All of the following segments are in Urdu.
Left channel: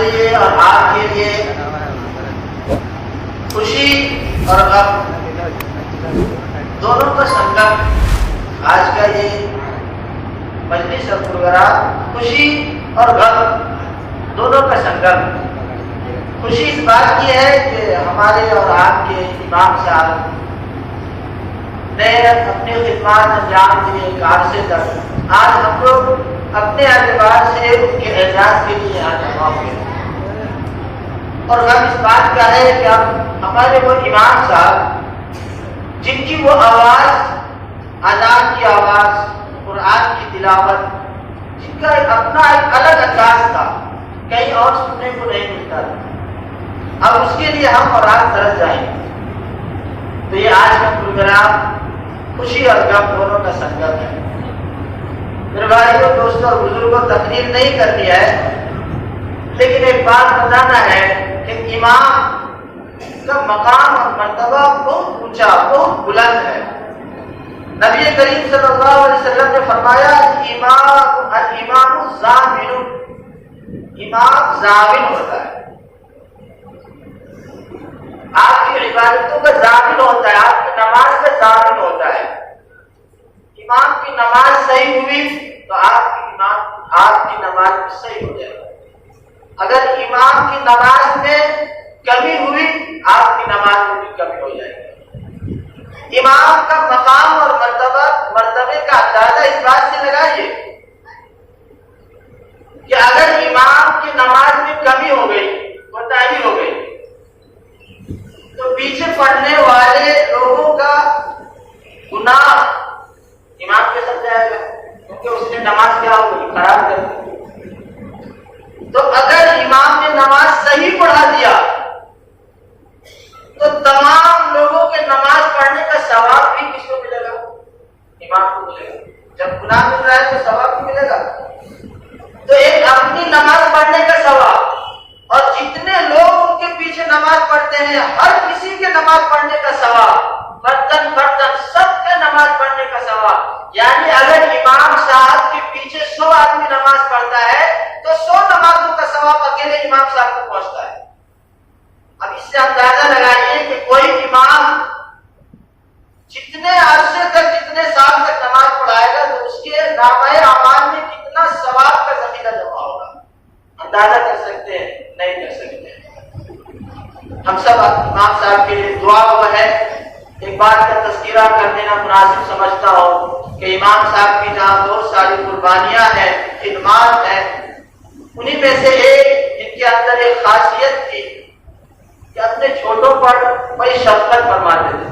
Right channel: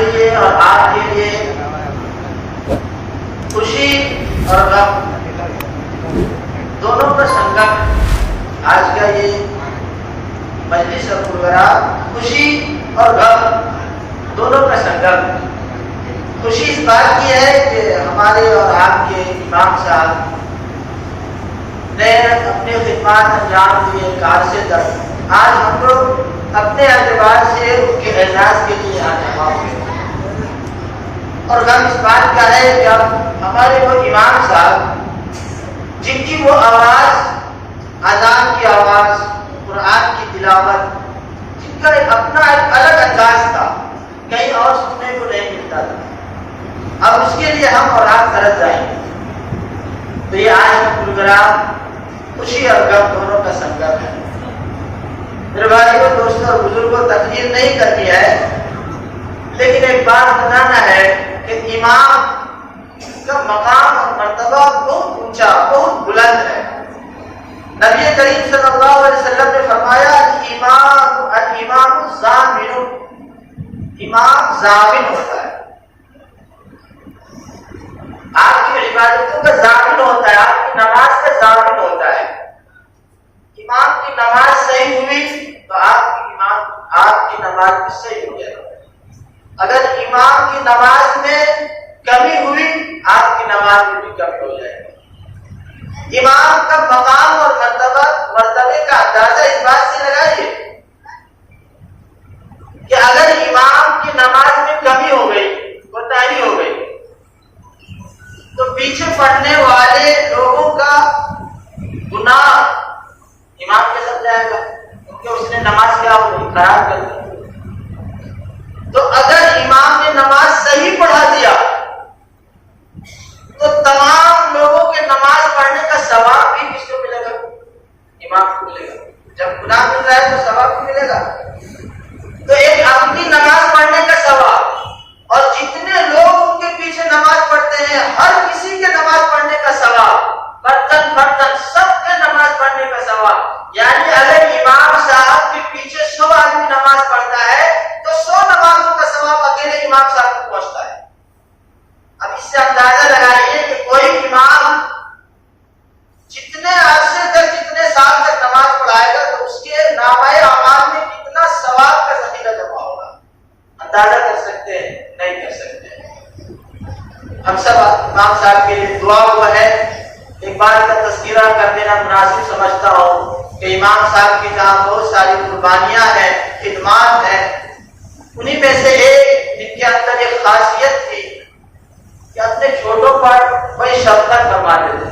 لیے اور آپ کے لیے خوشی اور غم دونوں کا سنگم آج کا یہ مجلس اور پروگرام خوشی اور غم دونوں کا سنگم۔ خوشی اس بات کی ہے کہ ہمارے اور آپ کے امام صاحب نے اپنے خدمات انجام دیے کار سے تک، آج ہم لوگ اپنے اعتبار سے ان کے اعزاز کے لیے یہاں جمع ہوئے، اور غم اس بات کا ہے کہ اب ہمارے وہ امام صاحب جن کی وہ آواز، اذان کی آواز، قرآن کی تلاوت، جن کا ایک اپنا ایک الگ انداز تھا، کہیں اور سننے کو نہیں ملتا تھا، اب اس کے لیے ہم اور آپ طرف جائیں گے۔ تو یہ آج کا پروگرام خوشی اور غم دونوں کا سنگم ہے۔ میرے بھائیوں، دوستوں اور بزرگوں، تقریر نہیں کرنی ہے، لیکن ایک بات بتانا ہے کہ امام کا مقام اور مرتبہ بہت اونچا، بہت بلند ہے۔ نبی کریم صلی اللہ علیہ وسلم نے فرمایا الامام ضامن، امام ضامن ہوتا ہے، آپ کی عبادتوں کا ضامن ہوتا ہے، آپ کی نماز کا ضامن ہوتا ہے۔ امام کی نماز صحیح ہوئی تو آپ کی نماز بھی صحیح ہو جائے گا، اگر امام کی نماز میں کمی ہوئی آپ کی نماز میں بھی کمی ہو جائے گی۔ امام کا مقام اور مرتبے کا اندازہ اس بات سے لگائیے کہ اگر امام کی نماز میں کمی ہو گئی، کوتاہی ہو گئی، تو پیچھے پڑھنے والے لوگوں کا گناہ امام کے ساتھ جائے گا، کیونکہ اس نے نماز کیا خراب کر دی۔ تو اگر امام نے نماز صحیح پڑھا دیا تو تمام لوگوں کے نماز پڑھنے کا ثواب بھی کس کو ملے گا؟ امام کو ملے گا۔ جب گناہ مل رہا ہے تو ثواب بھی ملے گا۔ تو ایک اپنی نماز پڑھنے کا ثواب، اور جتنے لوگ ان کے پیچھے نماز پڑھتے ہیں ہر کسی کے نماز پڑھنے کا ثواب، برتن برتن سب کے نماز پڑھنے کا ثواب۔ یعنی اگر امام صاحب کے پیچھے 100 آدمی نماز پڑھتا ہے تو 100 نمازوں کا ثواب اکیلے امام صاحب کو پہنچتا ہے۔ اب اس سے اندازہ لگائیے کہ کوئی امام جتنے عرصے تک، جتنے سال تک نماز پڑھائے گا تو اس کے نامہ اعمال میں کتنا ثواب کا ذخیرہ جمع ہوگا، اندازہ کر سکتے ہیں؟ نہیں کر سکتے۔ ہم سب امام صاحب کے لیے دعا ہوا ہے۔ ایک بات کا تذکرہ کر دینا مناسب سمجھتا ہوں کہ امام صاحب کی جہاں بہت ساری قربانیاں ہیں، خدمات ہیں، انہی میں سے ایک جن کے اندر ایک خاصیت تھی کہ اپنے چھوٹوں پر بڑی شفقت فرماتے تھے،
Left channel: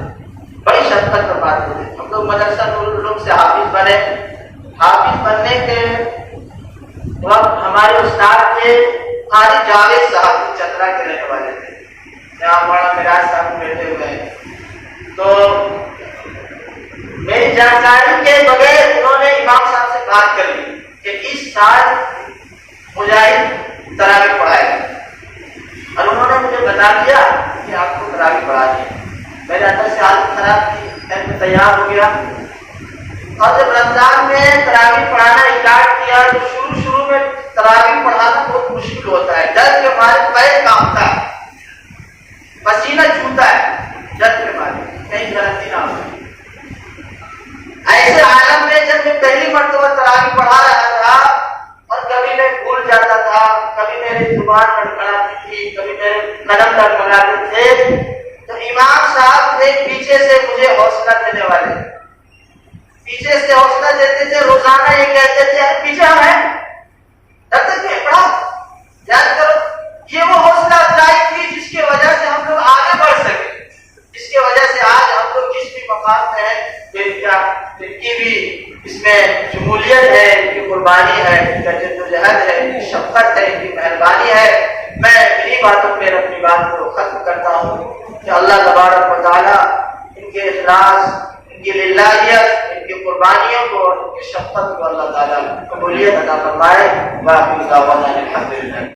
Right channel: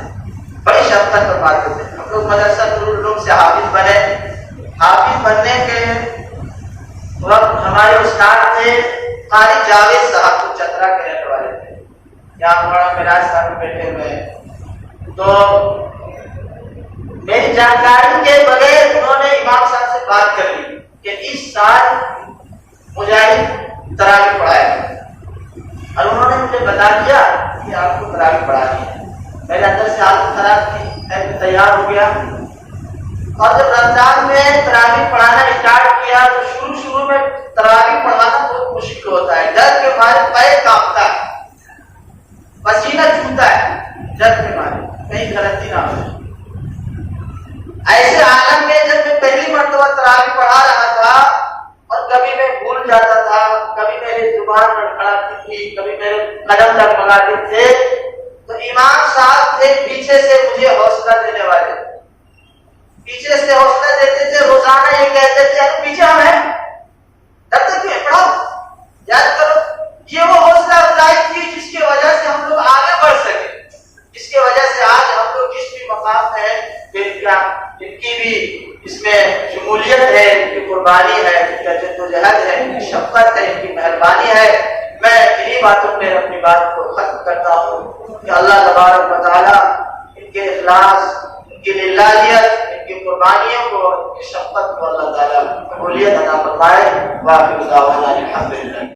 بڑی شفقت فرماتے تھے۔ ہم لوگ مدرسہ نور العلوم سے حافظ بنے، حافظ بننے کے وقت ہمارے استاد تھے قاری جاوید صاحب، چترا کے رہنے والے تھے، جہاں مولانا میراج صاحب بیٹھے ہوئے ہیں۔ تو میری جانکاری کے بغیر انہوں نے امام صاحب سے بات کر لی کہ اس سال مجاہد تراویح پڑھائے گا، اور انہوں نے مجھے بتا دیا کہ آپ کو تراویح پڑھانی ہے۔ میرے اندر سے حالت خراب تھی، میں تیار ہو گیا، اور جب رمضان میں تراویح پڑھانا اسٹارٹ کیا تو شروع میں تراویح پڑھانا بہت مشکل ہوتا ہے، ڈر کے مارے پیر کانپتا ہے، پسینہ چھوٹتا ہے، ڈر کے مارے کہیں غلطی نہ ہو۔ ایسے عالم میں جب میں پہلی مرتبہ تراویح پڑھا رہا تھا اور کبھی میں بھول جاتا تھا، کبھی میری زبان لڑکھڑاتی تھی، کبھی میرے قدم ڈگمگاتے تھے، تو امام صاحب تھے پیچھے سے مجھے حوصلہ دینے والے، پیچھے سے حوصلہ دیتے تھے، روزانہ یہ کہتے تھے یار پیچھے ہم ہیں، جب تک کہ پڑھو، یاد کرو۔ یہ وہ حوصلہ افزائی تھی جس کی وجہ سے ہم لوگ آگے بڑھ سکے، جس کی وجہ سے آج ہم لوگ جس بھی مقام ہے، جن کی بھی اس میں شمولیت ہے، ان کی قربانی ہے، ان کا جدوجہد ہے، ان کی شفقت ہے، ان کی مہربانی ہے۔ میں انہی باتوں میں اپنی بات کو ختم کرتا ہوں کہ اللہ تبارک و تعالیٰ ان کے اخلاص، ان کی للہیت، ان کی قربانیوں کو اور ان کی شفقت کو اللہ تعالیٰ قبولیت عطا فرمائے۔ واقعی دعوانا الحمدللہ۔